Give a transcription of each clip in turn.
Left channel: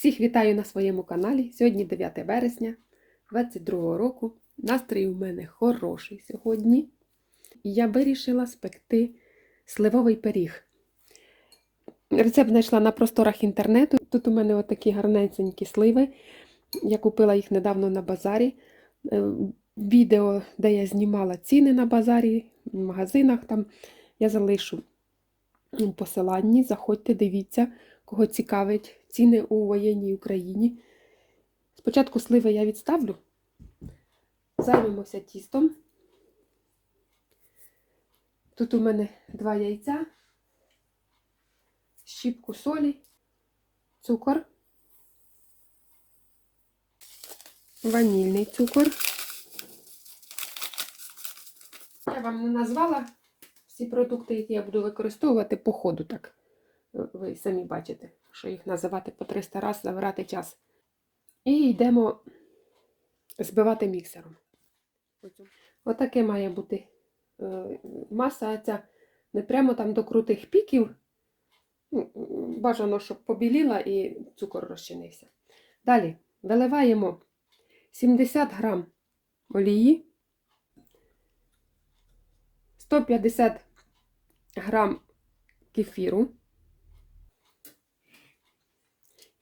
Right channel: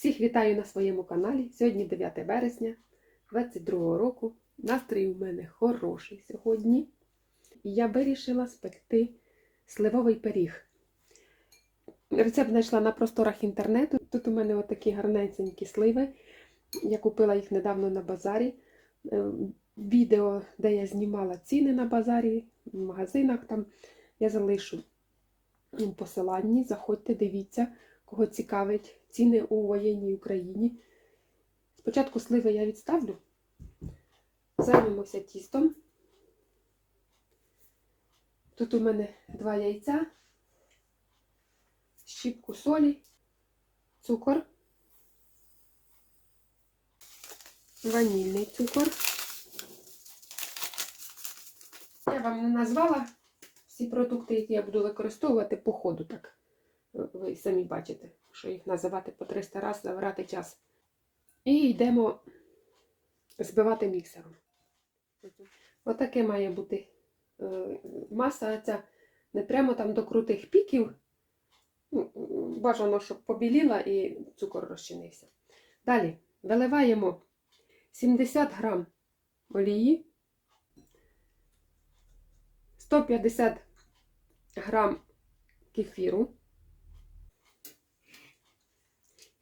Всіх вітаю на своєму каналі. Сьогодні 9 вересня 22 року. Настрій у мене хороший сьогодні. І я вирішила спекти сливовий пиріг. Рецепт знайшла на просторах інтернету. Тут у мене отакі гарненькі сливи. Я купила їх недавно на базарі. Е, Відео, де я знімала ціни на базарі, в магазинах там я залишу у посиланні. Заходьте, дивіться, кого цікавить ціни у воєнній Україні. Спочатку сливи я відставлю, займемося тістом. Тут у мене два яйця, щіпку солі, цукор, ванільний цукор. Я вам не назвала всі продукти, які я буду використовувати по ходу, так. Ви самі бачите, що їх називати по 300 разів, забирати час. І йдемо збивати міксером. Отаке має бути е, маса ця не прямо там до крутих піків. Ну, Бажано, щоб побіліла і цукор розчинився. Далі виливаємо 70 грам олії, 150 грам кефіру.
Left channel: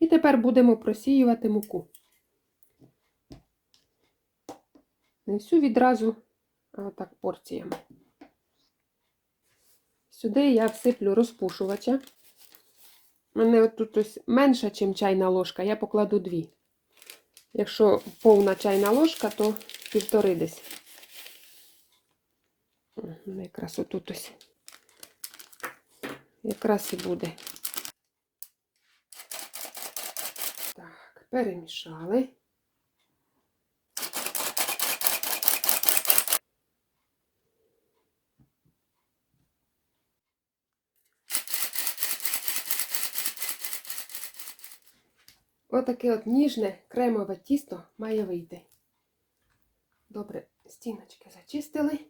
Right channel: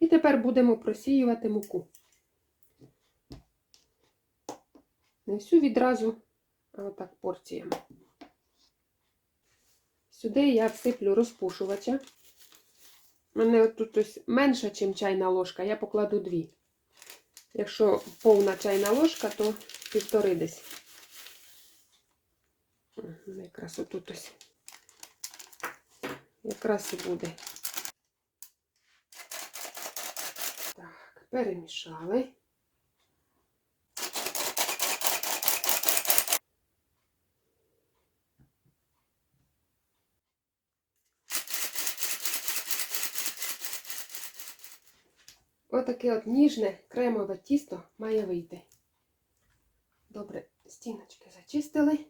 І тепер будемо просіювати муку. Не всю відразу, а отак порціями. Сюди я всиплю розпушувача. У мене тут ось менша, ніж чайна ложка, я покладу дві. Якщо повна чайна ложка, то півтори десь. Якраз отут ось. Якраз і буде. Так, перемішали. Отаке от ніжне кремове тісто має вийти. Добре, стіночки зачистили.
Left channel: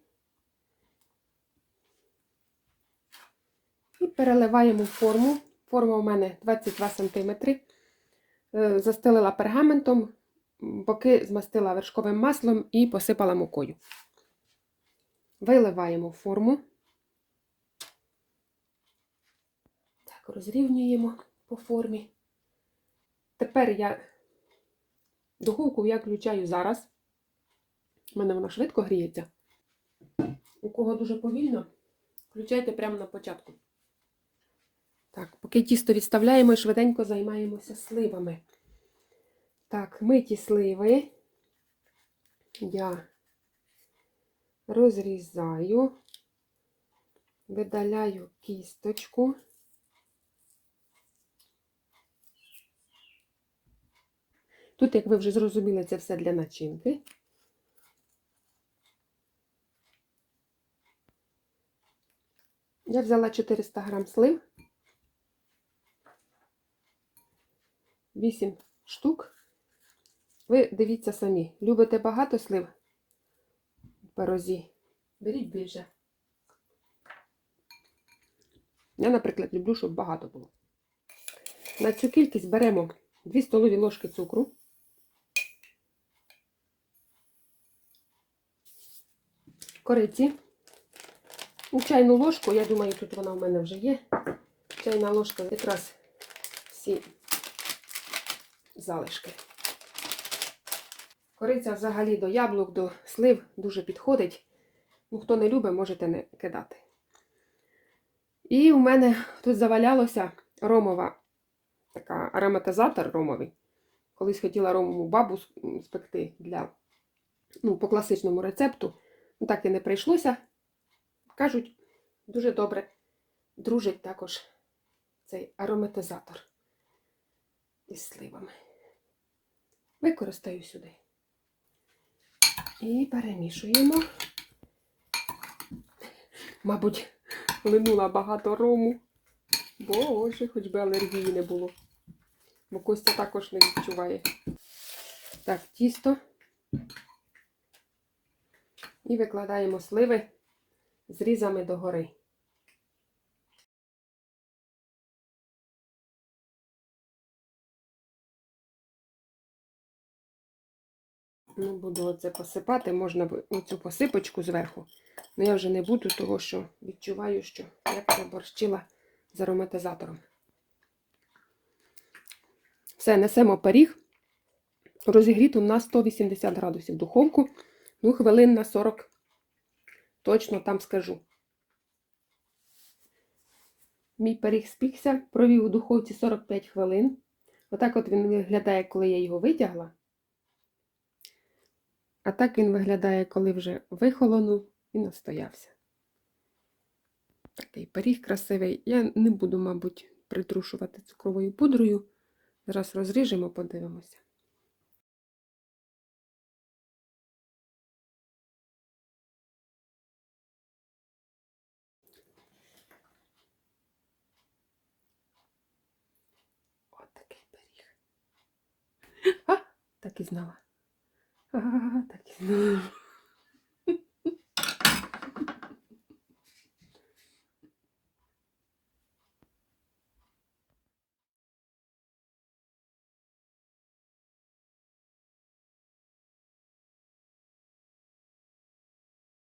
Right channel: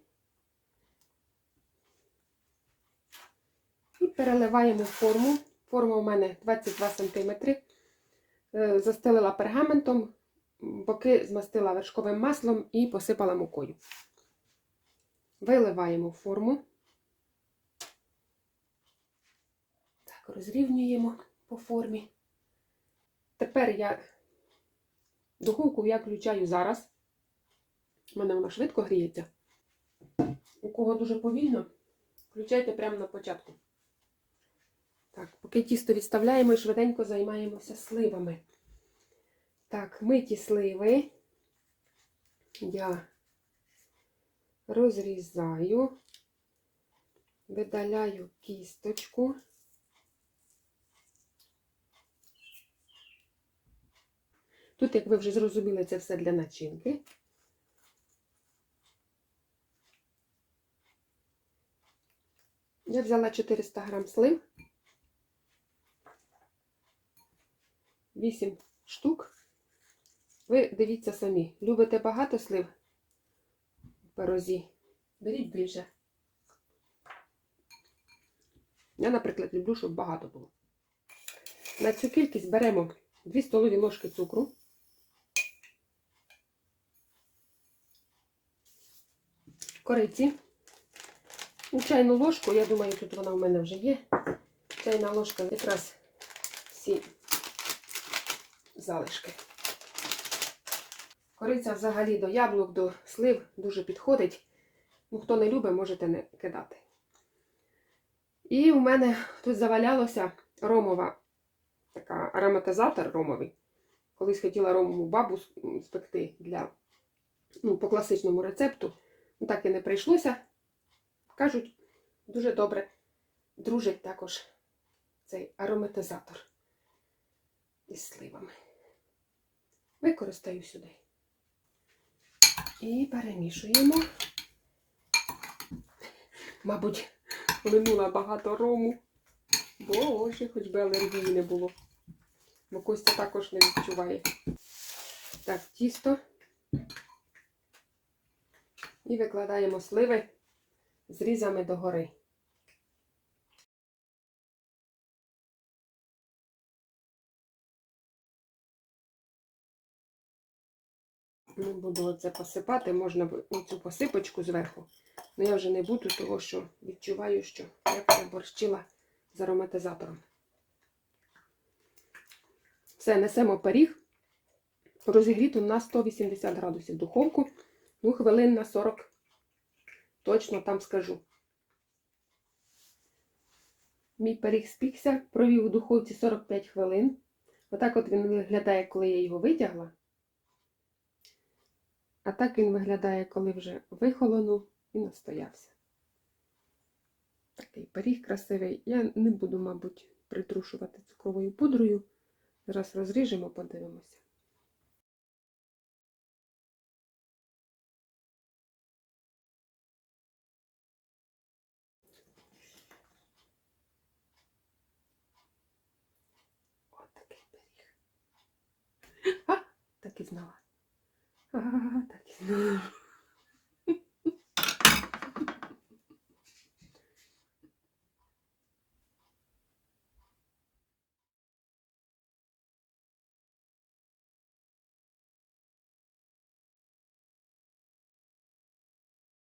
І переливаємо форму. Форма у мене 22 см. Е, Застелила пергаментом, боки змастила вершковим маслом і посипала мукою. Виливаємо форму. Так, розрівнюємо по формі. Тепер я духовку я включаю зараз. У мене вона швидко гріється. У кого дуже повільно, включайте прямо на початку. Так, поки тісто відставляємо і швиденько займаємося сливами. Так, миті сливи я розрізаю, видаляю кісточку. Тут, як ви вже зрозуміли, це все для начинки. Я взяла 400 грам слив. 8 штук. Ви дивіться самі. Любите багато слив в пирозі? Беріть більше. Я, наприклад, люблю, щоб багато було. На цю кількість беремо 2 столові ложки цукру. Кориці. І чайну ложку, я думаю, тут вона в мене вже є. Чайна ложка якраз всі залишки. Кориця взагалі до яблук, до слив дуже підходить. Ну, хто не любить, можете не кидати. І у мене тут завалялося ромова, така ароматизатор ромовий. Колись хотіла ромову бабу спекти для, ну, по класичному рецепту. Ну, так і не прийшлося. Кажуть, дуже добре дружить також цей ароматизатор із сливами. Використаю сюди. І перемішуємо. Мабуть, линула багато рому. Боже, хоч би алергії не було. Бо Костя також не відчуває. Так, тісто. І викладаємо сливи зрізами догори. Ну, буду оце посипати, можна б оцю посипочку зверху. Ну я вже не буду, тому що відчуваю, що я борщила з ароматизатором. Все, несемо пиріг. Розігріту на 180 градусів духовку. Ну, хвилин на 40. Точно там скажу. Мій пиріг спікся, провів у духовці 45 хвилин. Отак от він виглядає, коли я його витягла. А так він виглядає, коли вже вихолонув і настоявся. Такий пиріг красивий. Я не буду, мабуть, притрушувати цукровою пудрою. Зараз розріжемо, подивимося. От такий так і знала. Так і знала.